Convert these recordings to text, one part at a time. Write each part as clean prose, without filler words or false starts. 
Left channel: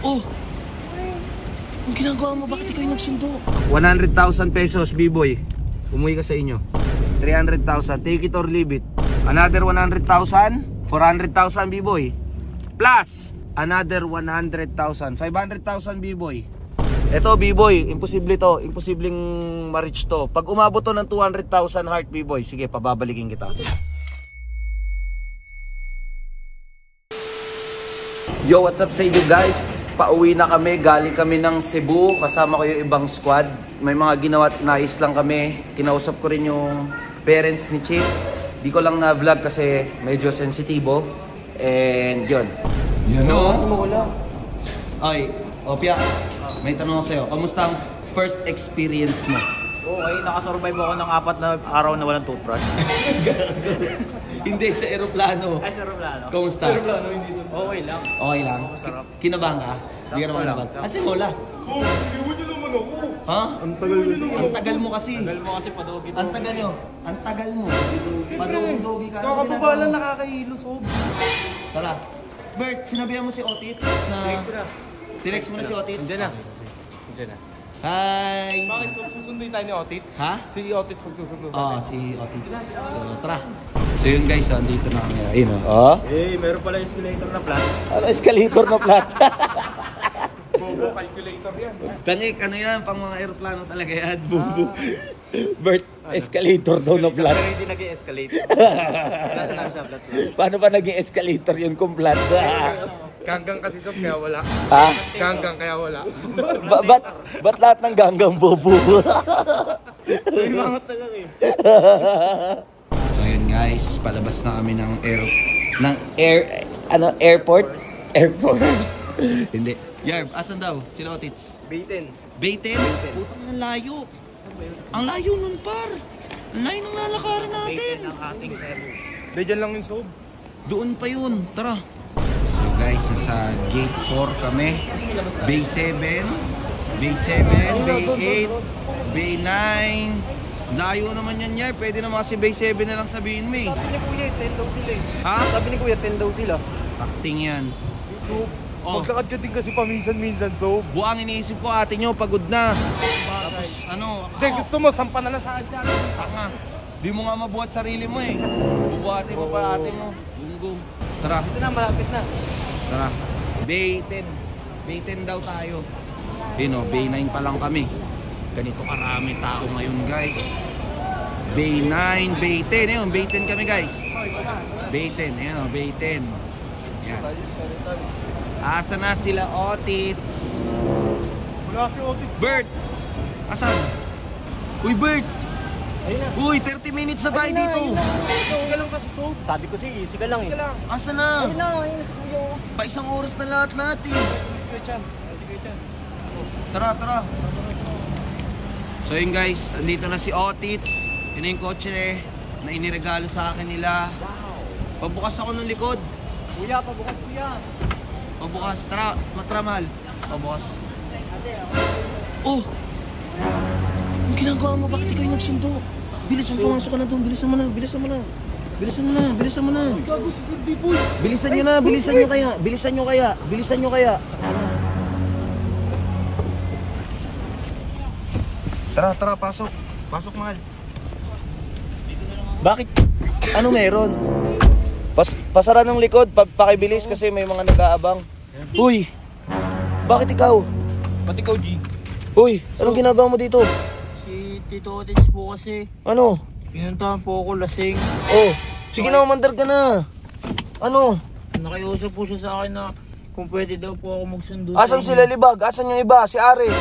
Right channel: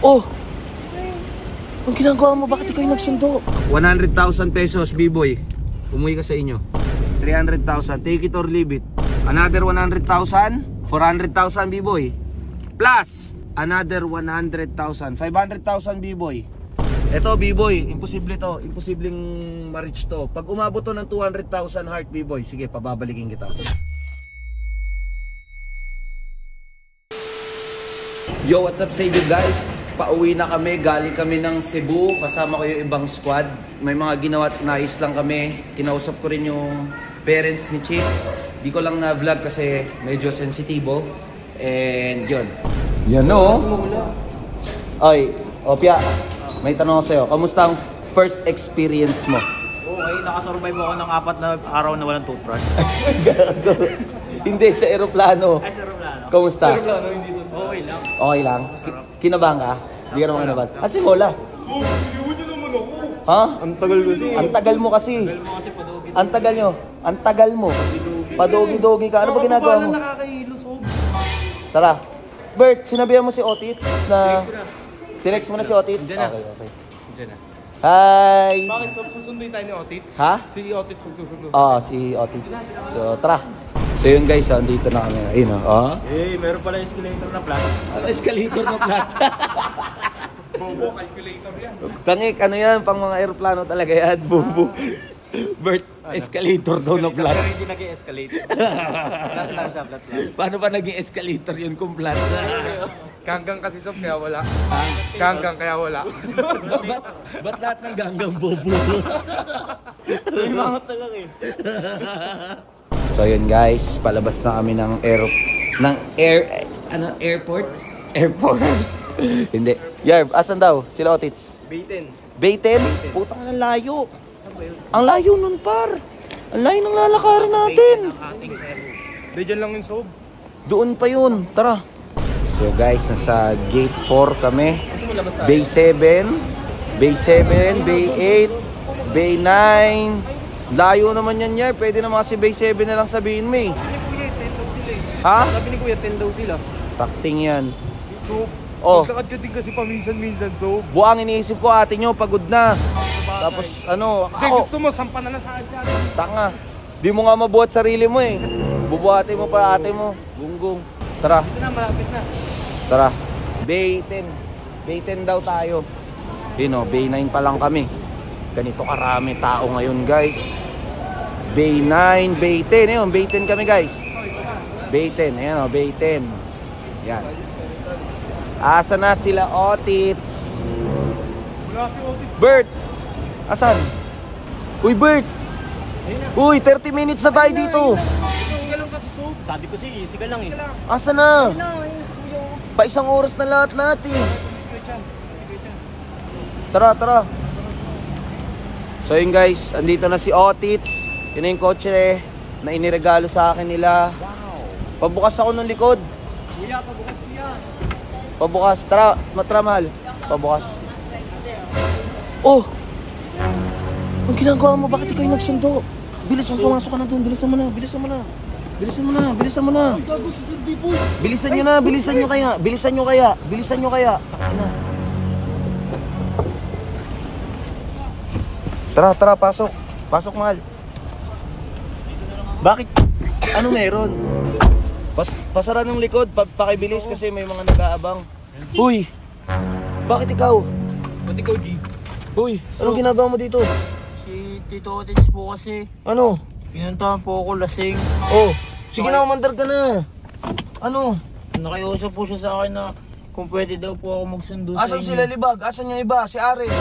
Oh! Ang ginagawa mo, bakit ikaw yung nagsundo? 100,000 pesos, B-boy. Umuwi ka sa inyo. 300,000, take it or leave it. Another 100,000, 400,000, B-boy. Plus, another 100,000, 500,000, B-boy. Eto, B-boy, imposible to. Imposibleng ma-reach to. Pag umabot to ng 200,000 heart, B-boy, sige, pababalikin kita. Yo, what's up sa inyo guys? Pauwi na kami, galing kami ng Cebu. Kasama ko yung ibang squad. May mga ginawa at nais lang kami. Kinausap ko rin yung parents ni Chief. Di ko lang na-vlog kasi medyo sensitibo. And yun. Yan o. Ay, Opia, may tanong ako sa'yo. Kamusta ang first experience mo? Okay, nakasurvive ako ng 4 na araw na walang toothbrush. Hindi, sa aeroplano. Ay, sa aeroplano. Kamusta? Sa aeroplano, hindi doon. Okay lang. Okay lang? Masarap. Kinabahan ka? Hindi ka naman kinabahan. Kasi wala. So, iniwan niyo naman ako. Ha? Ang tagal kasi. Ang tagal mo kasi. Tagal mo kasi padogi. Ang tagal nyo. Ang tagal mo. Padogi-dogi ka. Ano ba ginagawa Makababalan mo? nakakahilo, Sob. Tara. Bert, sinabihan mo si Otits na... Text ko na. Tinext mo na si Otits? Diyan na. Okay. Diyan na. Hi! Bakit, Sob? Susunduin tayo ni Otits? Ha? Si Otits magsusundo. Oo, si Otits. So, tara. So yun guys, andito na kami. Ayun o. Oh. Eh, meron pala escalator na flat. Ano, escalator na flat. Bobo, calculator yan. Kangik, ano yan? Pang mga aeroplano talaga yan. Bubu. Bert, escalator daw na flat. Pero hindi nag-escalate. Flat lang siya, flat lang. Paano ba naging escalator yun kung flat? Ganggang kasi, Sob, kaya wala. Ha? Ganggang, kaya wala. Ba't lahat ng ganggang bubu? So, imangot na lang eh. So yun guys, palabas na kami ng airport. Hindi. Yarb, asan daw? Sila Otits? Baitin. Bayten? Putang ang layo. Ang layo nun par. Ang layo ng lalakaran natin. Baitin ang ating Cebu. Di dyan lang yung, Sob. Doon pa yun. Tara. So guys, nasa gate 4 kami. Bay 7, Bay 7, Bay 8, Bay 9. Layo naman yan, Yar. Pwede naman kasi Bay 7 na lang sabihin mo eh. Sabi ni Kuya, 10 daw sila eh. Ha? Sabi ni Kuya, 10 daw sila. Takting yan. Sob, Oh. maglakad ka din kasi paminsan-minsan, Sob. Buang iniisip ko ate nyo, pagod na. Tapos ano, Hindi, gusto mo, sampa na lang sa akin. tanga. Di mo nga mabuhat sarili mo eh. Bubuhatin mo pa ate mo. Gunggong. Tara, Ito na, malapit na. tara. Bay 10. Bay 10 daw tayo. Yun o, Bay 9 pa lang kami. Ganito karami tao ngayon guys. Bay 9, Bay 10. Ayun, Bay 10 kami guys. Bay 10, ayun o, Bay 10. Yan. Asa na sila Otits? Wala si Otits. Bert! Asan? Uy Bert! Ayun na. Uy, 30 minutes na tayo dito. Easy ka lang kasi, Sob. Sabi ko si easy ka lang eh. Asa na? Ayun na, ayun si Kuya. Pa isang oras na lahat natin. Si Kuya Chan. Si Kuya Chan. Tara, tara. So yun guys, andito na si Otits. Yun na yung kotse na iniregalo sa akin nila. Pabukas ako ng likod. Kuya, pabukas Kuya. Pabukas. Tara, matramal. Pabukas. Oh! Ang ginagawa mo, bakit ikaw yung nagsundo? Bilisan, pumasok ka na doon. Bilisan mo na, bilisan mo na. Bilisan mo na, bilisan mo na. Gago si Sir B-Boy. Bilisan nyo na, bilisan nyo kaya. Bilisan nyo kaya, bilisan nyo kaya. Ano? Tara, tara, pasok. Pasok, mahal. Bakit? Ano meron? Pasara ng likod, pakibilis kasi may mga nag-aabang. Uy! Bakit ikaw? Pati ikaw, G. Uy, anong ginagawa mo dito? Si Tito Otits po kasi. Ano? Pinuntahan po ako lasing. Oh, sige na, umandar ka na. Ano? Nakiusap po siya sa akin na kung pwede daw po ako magsundo Asan sila Libag? Asan yung iba? Si Ares?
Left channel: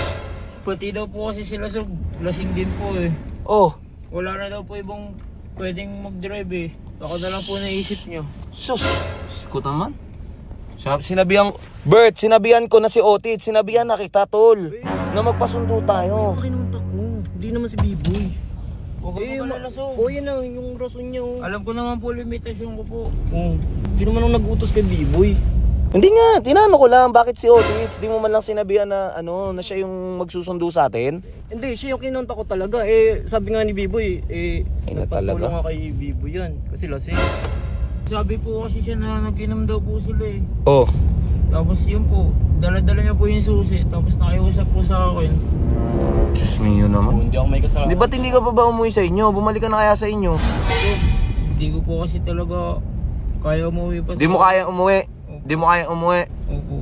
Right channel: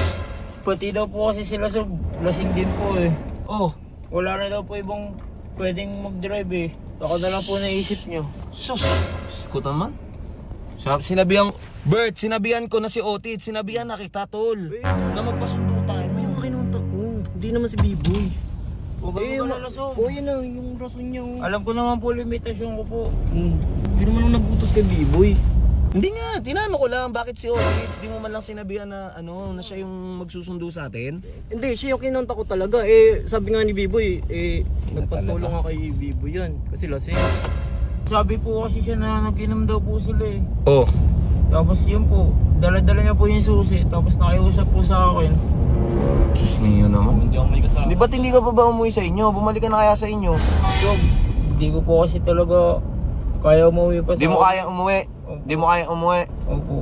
Pati daw po kasi sila so lasing din po eh. Oh, Wala na daw po ibang pwedeng mag-drive eh. Ako na lang po naisip nyo. sus. Ko naman. Sinabihan, Bert, sinabihan ko na si Otit. Sinabihan na kita, tol. Na magpasundo tayo. Kinunta ko. Hindi naman si B-Boy. Huwag ka na so. O yan na, yung rason niya. Alam ko naman po limitasyon ko po. Hindi naman ako nag-utos kay B-Boy. Hindi nga, tinanong ko lang bakit si Otit. Di mo man lang sinabihan na ano, na siya yung magsusundo sa atin. Hindi, siya yung kinunta ko talaga. Eh, sabi nga ni B-Boy, Ina nagpatulong talaga. nga kay B-Boy yan. Kasi lasing. sabi po kasi siya na nag-inom daw po sila eh. Oh. Tapos yun po, dala-dala niya po yung susi. Tapos nakiusap po sa akin. Diyos niyo naman. Hindi ako may kasama. Di ba't hindi ka pa ba umuwi sa inyo? Bumalik ka na kaya sa inyo. So, hindi ko po kasi talaga kaya umuwi pa sa Di mo kaya umuwi. Opo. Di mo kaya umuwi. Opo.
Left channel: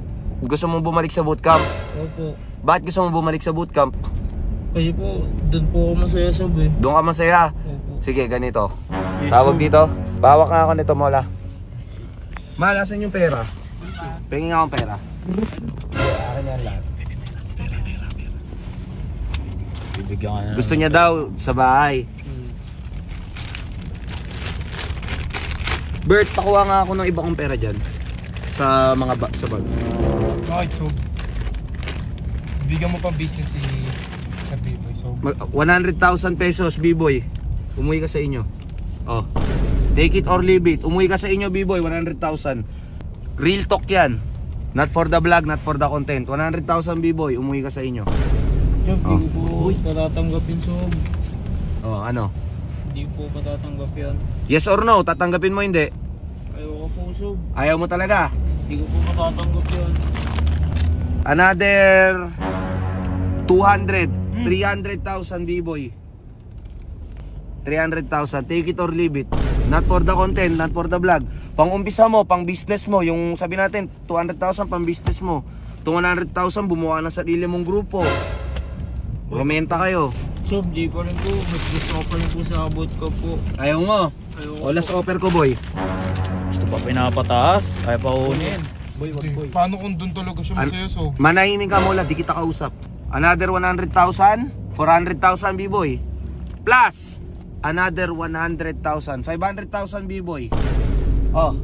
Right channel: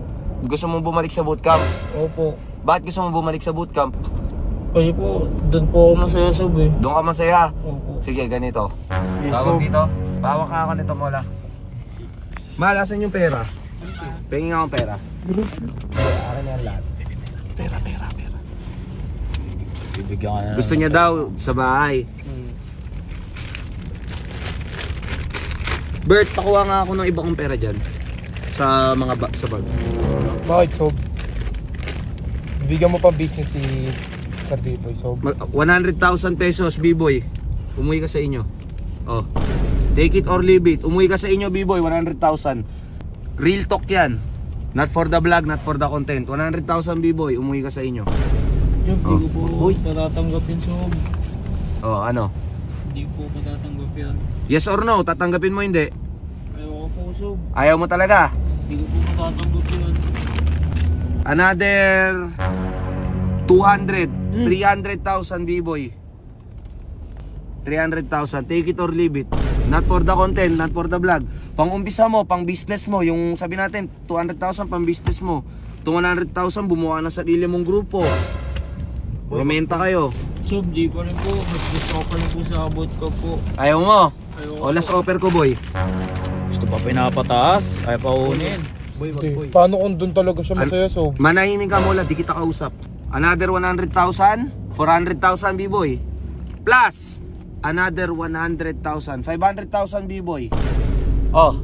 Gusto mong bumalik sa bootcamp. Opo. Bakit gusto mong bumalik sa bootcamp? Kasi po, doon po ako masaya sob eh. Doon ka masaya. Opo. Sige, ganito. Tawag dito. Pawak nga ako nito, Mola. Mal, asan yung pera? Pengin nga akong pera. Pera. Bibigyan ka na. Gusto niya daw sa bahay. Bert, pakuha nga ako ng iba kong pera dyan. Sa mga sa bag. Bakit, Sob? Bigyan mo pa business si Sir B-Boy, Sob. 100,000 pesos, B-Boy. Umuwi ka sa inyo. Oh. Take it or leave it. Umuwi ka sa inyo, B-Boy, 100,000. Real talk yan. Not for the vlog, not for the content. 100,000, B-Boy, umuwi ka sa inyo. Sob, hindi ko po patatanggap yun sob. Oh, ano? Hindi po patatanggap yun. Yes or no? Tatanggapin mo hindi? Ayoko po sob. Ayaw mo talaga? Hindi ko po patatanggap yun. Another 200, 300,000, B-Boy. 300,000, take it or leave it. Not for the content, not for the vlog. Pang umpisa mo, pang business mo, yung sabi natin 200,000 pang business mo. Itong 100,000 bumuha ng sarili mong grupo. Rumenta kayo. Sob, di pa rin po. Mas gusto ko pa rin po sa abot ko po. Ayaw mo? Ayoko O last offer ko, boy. Gusto pa pinapataas. Ayaw pa unin. Boy, paano kung doon talaga siya masaya, Sob? Manahimik ka mula, di kita kausap. Another 100,000, 400,000, B-Boy. Plus another 100,000, 500,000, B-Boy. Oh,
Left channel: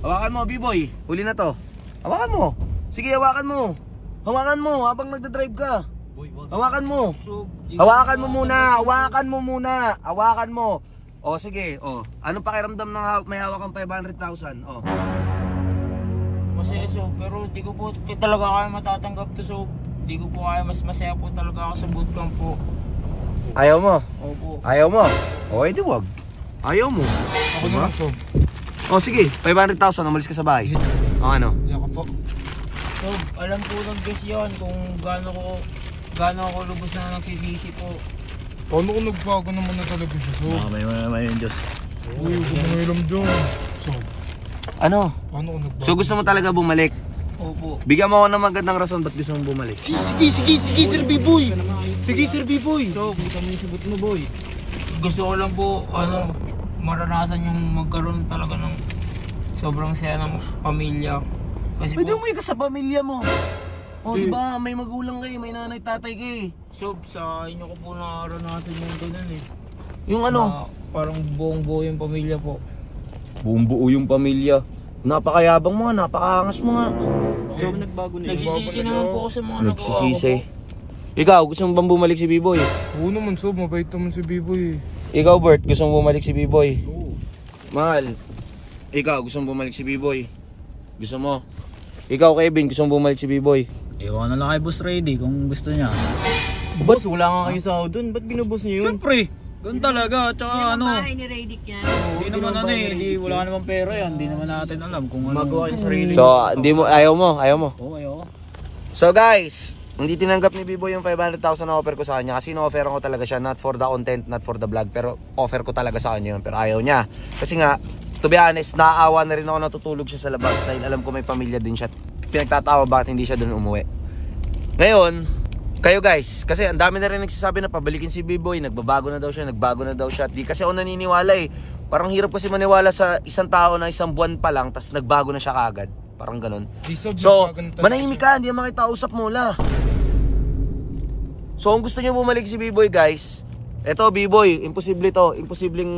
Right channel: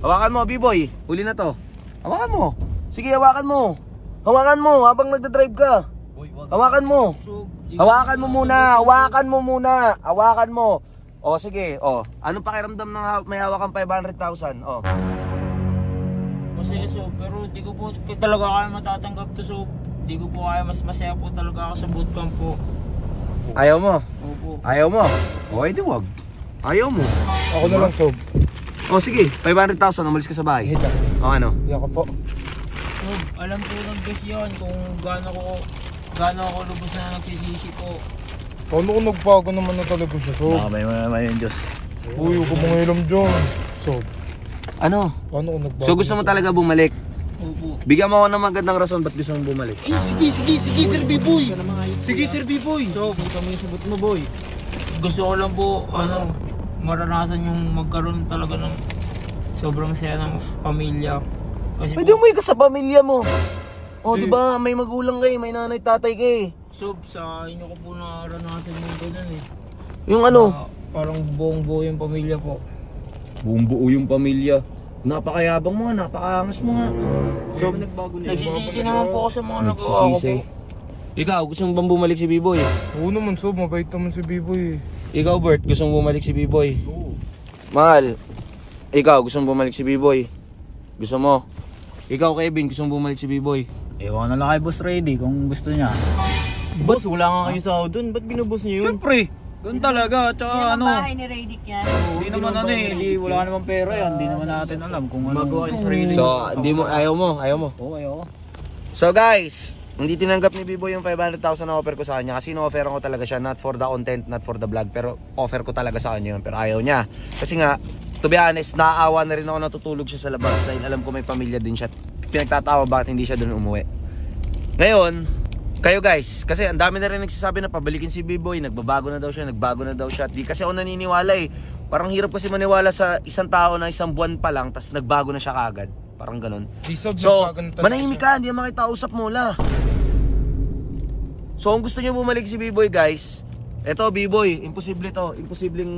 hawakan mo, B-Boy. Huli na to. Hawakan mo. Sige, hawakan mo. Hawakan mo habang nagdadrive ka. Hawakan mo. Sob, Hawakan mo muna. Hawakan mo muna. Hawakan mo. O sige, o. Anong pakiramdam ng may hawakan 500,000? O. masaya sob, pero di ko po talaga kaya matatanggap to sob. Di ko po kaya, mas masaya po talaga ako sa bootcamp po. Ayaw mo? Opo. Ayaw mo? O, edi wag. Ayaw mo. Ako na lang, Sob. O sige, 500,000, umalis ka sa bahay. O ano? Hindi ako po. Sob, alam po lang guys yan kung gaano ako lubos na nagsisisi po. Paano kung nagbago naman na talaga siya, Sob? Nakamay mo naman yung Diyos. Uy, huwag mo ilam dyan. Sob, Ano? paano kung nagbago? So gusto mo talaga bumalik? Opo. Bigyan mo ako ng magandang rason ba't gusto mong bumalik. Sige, Sir B-Boy. Sige, Sir B-Boy. Sob, Kami yung subot mo, boy. gusto ko lang po maranasan yung magkaroon talaga ng sobrang saya ng pamilya. Kasi Pwede po, umuwi ka sa pamilya mo. O, di ba may magulang kayo, may nanay, tatay kayo. sob, sa inyo ko po naranasan yung ganun eh. Yung ano? Na parang buong buo yung pamilya po. Buong buo yung pamilya. Napakayabang mo nga, napakaangas mo nga. So, nagsisisi naman po ako sa mga nagawa ko Nagsisisi. po. Ikaw, gusto mo bang bumalik si B-Boy? Oo naman, Sob. Mabait naman si B-Boy. Ikaw, Bert, gusto mo bumalik si B-Boy? Oo. Mahal, ikaw, gusto mo bumalik si B-Boy? Gusto mo? Ikaw, Kevin, gusto mo bumalik si B-Boy? Ewan na lang kay Boss Ready kung gusto niya. Boss, wala nga kayo sa doon. Ba't binubos niyo yun? Siyempre, ganun talaga. Tsaka Yan ang ano, bahay ni Radic yan. hindi naman ano eh, wala naman pera yan. Hindi naman natin alam kung ano. Magawa kayo sa sarili. So, hindi mo, ayaw mo. Oo, ayaw. So guys, hindi tinanggap ni B-Boy yung 500,000 na offer ko sa kanya kasi no-offeran ko talaga siya, not for the content, not for the vlog, pero offer ko talaga sa kanya yun, pero ayaw niya. Kasi nga, to be honest, naaawa na rin ako natutulog siya sa labas dahil alam ko may pamilya din siya. Pinagtatawa bakit hindi siya doon umuwi. Ngayon, kayo guys, kasi ang dami na rin nagsasabi na pabalikin si B-Boy, nagbago na daw siya. Di kasi ako naniniwala eh. Parang hirap kasi maniwala sa isang tao na isang buwan pa lang, tas nagbago na siya kagad. Parang ganun. So, manahimik ka, hindi naman kita usap mula. So, kung gusto niyo bumalik si B-Boy guys, eto B-Boy, imposible to, imposibleng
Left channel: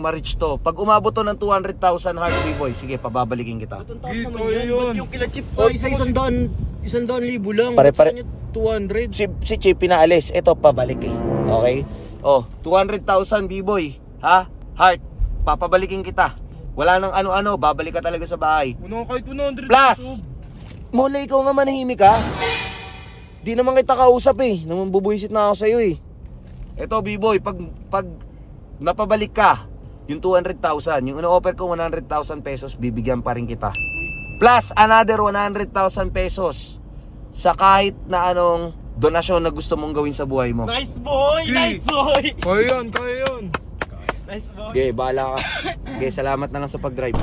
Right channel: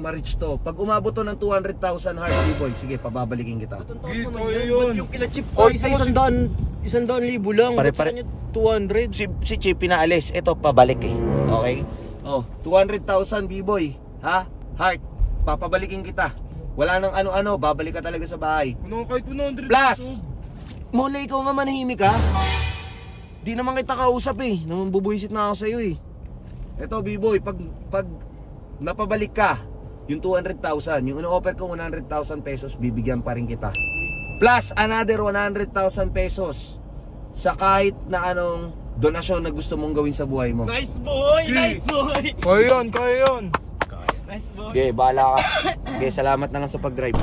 ma-reach to. Pag umabot to ng 200,000 heart B-Boy, sige, pababalikin kita. Dito yun. Yung kila Chip ko, isang daan libo lang. Pare-pare. Ba't sa kanya 200? Si Chip pinaalis, ito pabalik eh. Okay? Oh, 200,000 B-Boy, ha? Heart, papabalikin kita. Wala nang ano-ano, babalik ka talaga sa bahay. Ano kahit 100 Plus, mula ikaw nga manahimik ha. Di naman kita kausap eh. Naman bubuisit na ako sa'yo eh. Eto B-Boy, pag napabalik ka, Yung 200,000, yung ino-offer ko 100,000 pesos, bibigyan pa rin kita. Plus another 100,000 pesos sa kahit na anong donasyon na gusto mong gawin sa buhay mo. Nice boy! Nice boy! Kaya yun, kaya yun. Nice boy! Okay, bahala ka. Okay, salamat na lang sa pag-drive.